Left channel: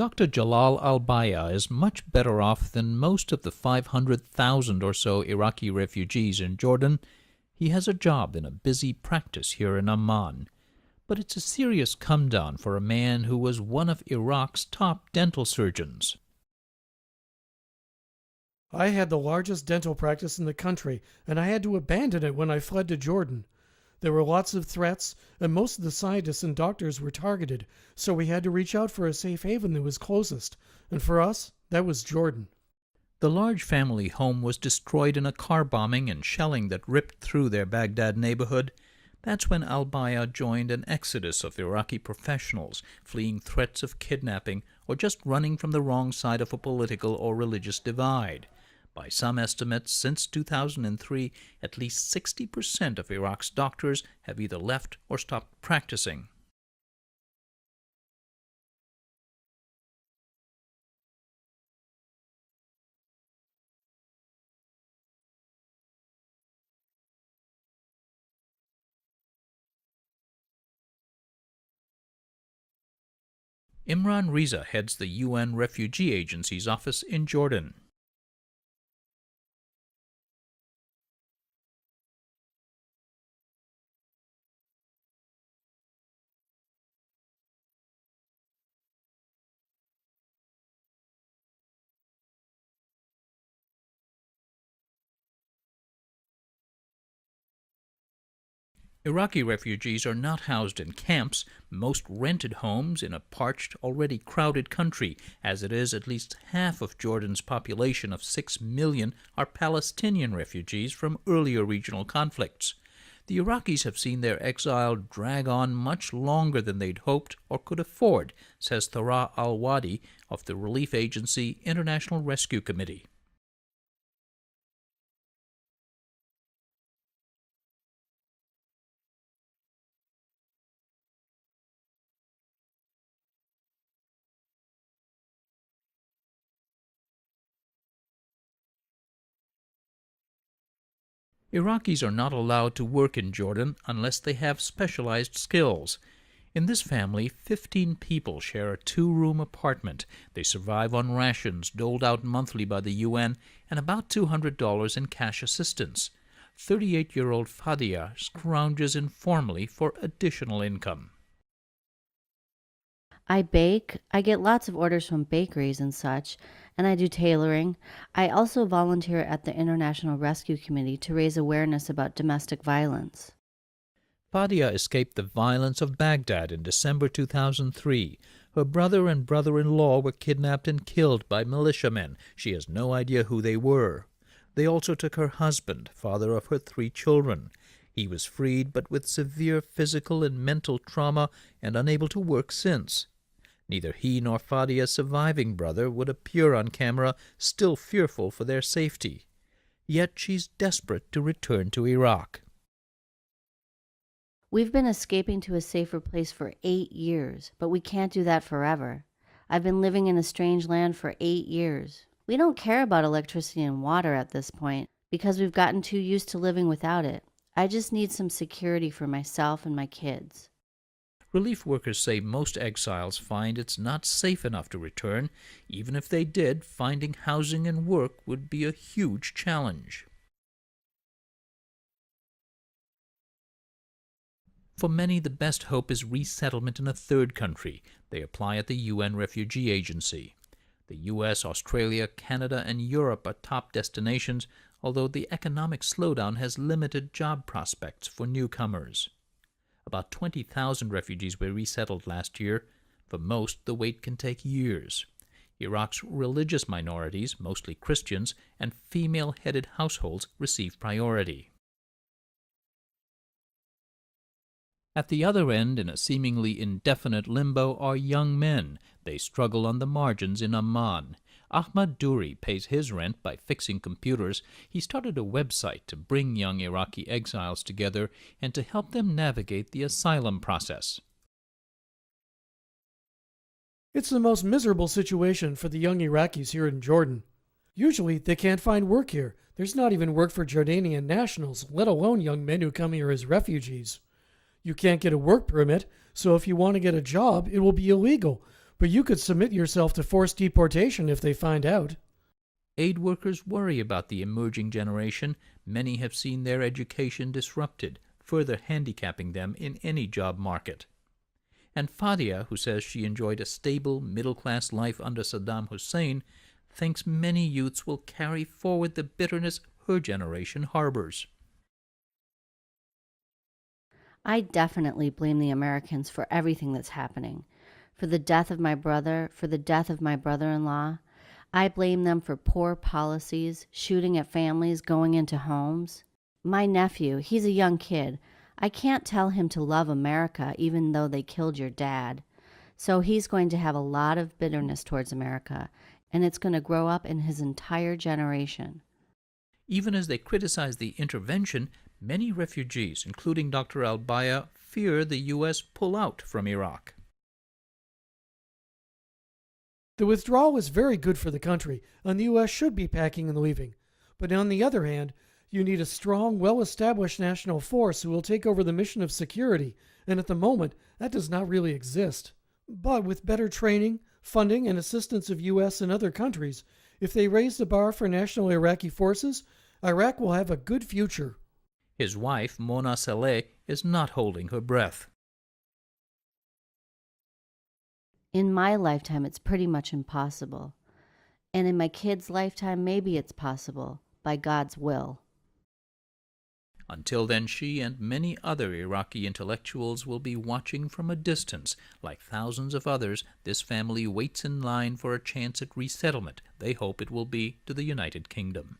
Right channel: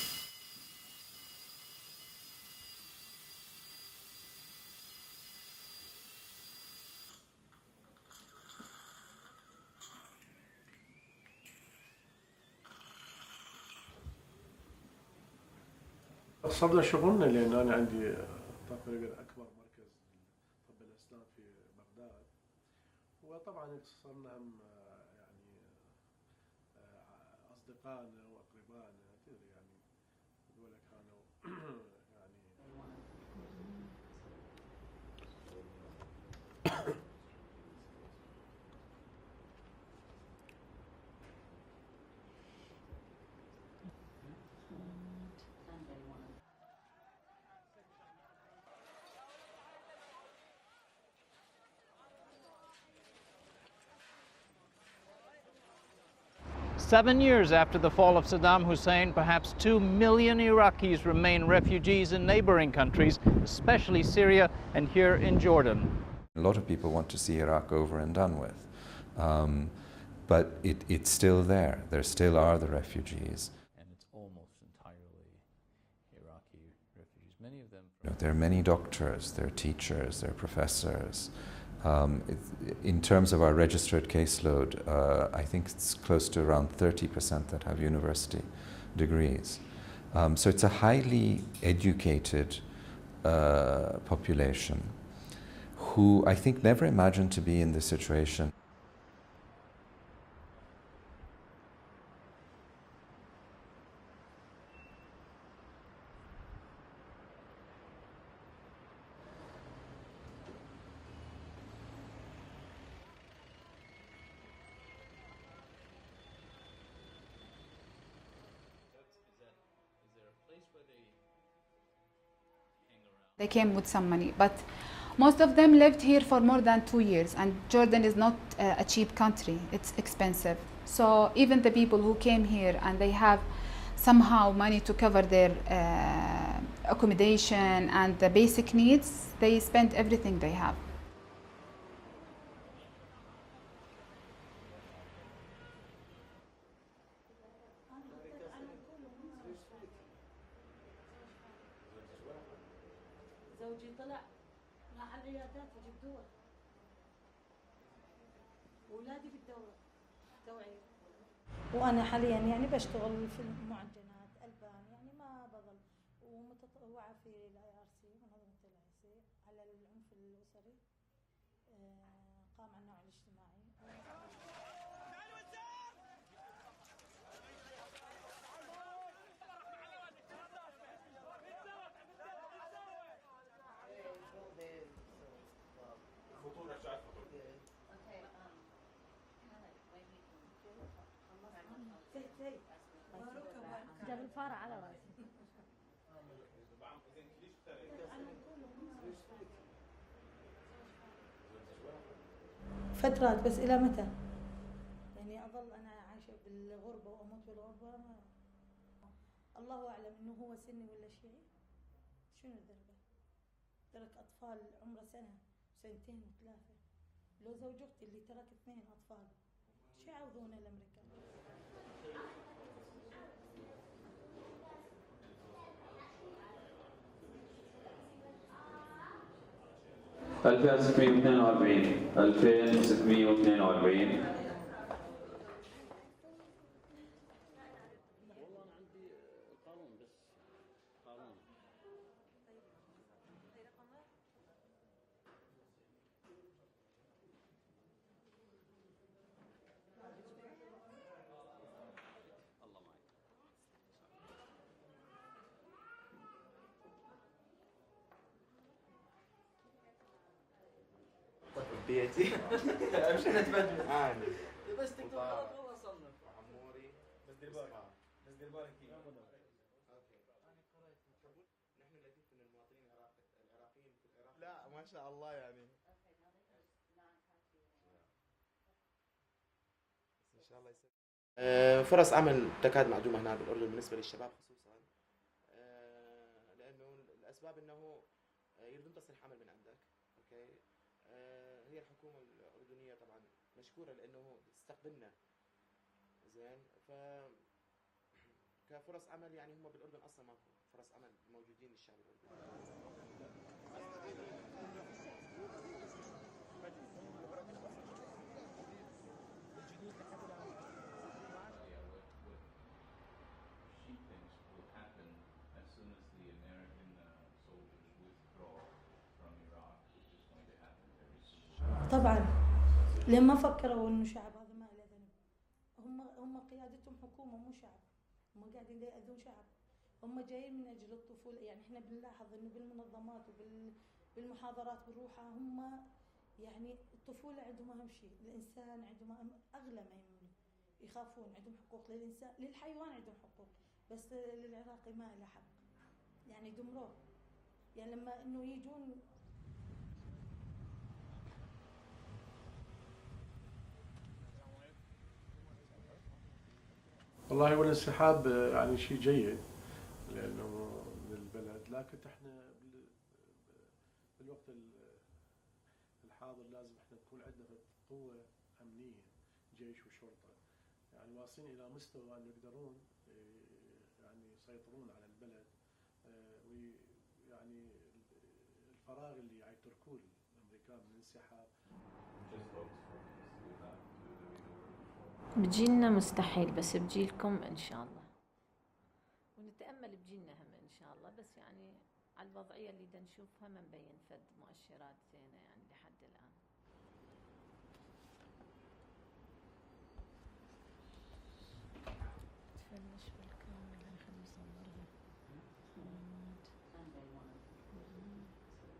Dr. Jalal Al-Baya is much better off than most of the 500,000 or so Iraqi refugees in Jordan. He has a job in a busy practice here in Amman. But it's a serious come-down for a man who was one of Iraq's top dental surgeons. I had the largest dental practice in the country, and I had to abandon it when I fled to Jordan. There were lots of threats, and most of the scientists and doctors were targeted, so we had to reach out for a safe haven that was closest. And for us, that was Jordan. The large family home was destroyed in a car bombing and shelling that ripped through their Baghdad neighborhood. That's when Al-Baya joined an exodus of Iraqi professionals fleeing threats of kidnapping or just running from the wrong side of a political or religious divide. By some estimates, since 2003, at least 60% of Iraq's doctors have either left or stopped practicing. 7 years after the fall of Saddam Hussein, perhaps 2 million Iraqis remain refugees in neighboring countries, especially Syria and here in Jordan. A lot of people want to see Iraq over and done with, but it's still there. There still are the refugees. Imran Riza heads the UN Refugee Agency's office in Jordan. There are many doctors, there are teachers, there are professors. In terms of our registered caseload, I think it's close to around 30% that have university degrees. So it's a highly educated population who I think never imagined to be in this situation. Iraqi refugees are not housed in camps, most rented homes in a parched, already crowded country. As it is, at least half of Jordan's population of 6 million are Palestinian refugees from earlier regional conflicts. The Iraqis have seen their exile drag on much longer than they'd hoped or could afford, says Thara Al-Wadi of the relief agency International Rescue Committee. They came with some money, but most of them lived here for more than 2 years, and Jordan is not a cheap country. It's expensive. So even the people who came here and they have somehow money to cover their accommodation and the basic needs, they spend everything they have. Iraqis are not allowed to work in Jordan unless they have specialized skills. In this family, 15 people share a 2-room apartment. They survive on rations doled out monthly by the UN and about $200 in cash assistance. 38-year-old Fadia scrounges informally for additional income. I bake. I get lots of orders from bakeries and such, and I do tailoring. I also volunteer at the International Rescue Committee to raise awareness about domestic violence. Fadia escaped the violence of Baghdad in December 2003. Her brother and brother-in-law were kidnapped and killed by militiamen. She has no idea who they were. They also took her husband, father of her 3 children. He was freed, but with severe physical and mental trauma and unable to work since. Neither he nor Fadia's surviving brother would appear on camera, still fearful for their safety. Yet she's desperate to return to Iraq. We've been escaping to a safer place for 8 years, but we can't do that forever. I've been living in a strange land for 8 years. We don't care about electricity and water at this point because we've gotten too used to living without it. I just need some security for myself and my kids. Relief workers say most exiles find it's not safe enough to return. Even if they did, finding housing and work would be a huge challenge. For many, the best hope is resettlement in a third country. They apply at the UN Refugee Agency. The US, Australia, Canada, and Europe are top destinations, although the economic slowdown has limited job prospects for newcomers. About 20,000 refugees were resettled last year. For most, the wait can take years. Iraq's religious minorities, mostly Christians, and female-headed households receive priority. At the other end, in a seemingly indefinite limbo, are young men. They struggle on the margins in Amman. Ahmad Duri pays his rent by fixing computers. He started a website to bring young Iraqi exiles together and to help them navigate the asylum process. It's the most miserable situation for the young Iraqis here in Jordan. Usually, they can't find work here. There's not even work for Jordanian nationals, let alone young men who come here as refugees. You can't get a work permit, so if you want to get a job, it will be illegal. But you could submit yourself to forced deportation if they find out. Aid workers worry about the emerging generation. Many have seen their education disrupted, further handicapping them in any job market. And Fadia, who says she enjoyed a stable, middle-class life under Saddam Hussein, thinks many youths will carry forward the bitterness her generation harbors. I definitely blame the Americans for everything that's happening. For the death of my brother, for the death of my brother-in-law. I blame them for poor policies, shooting at families, going into homes. My nephew, he's a young kid. I can't tell him to love America even though they killed your dad. So he's going to have a lot of bitterness towards America, and it's going to grow up in his entire generation. Even as they criticize the intervention, many refugees, including Dr. Al-Baya, fear the U.S. pull out from Iraq. The withdrawal is very good for the country, and the U.S. should be packing and leaving. But on the other hand, you need a strong, well-established national force who will take over the mission of security, and at the moment, that does not really exist. But with better training, funding, and assistance of U.S. and other countries, if they raise the bar for national Iraqi forces, Iraq will have a good future. His wife, Mona Saleh, is not holding her breath. In my lifetime, it's pretty much impossible. And in my kids' lifetime, maybe it's possible, by God's will. Until then, she and many other Iraqi intellectuals will be watching from a distance. Like thousands of others, this family waits in line for a chance at resettlement. They hope it will be to the United Kingdom.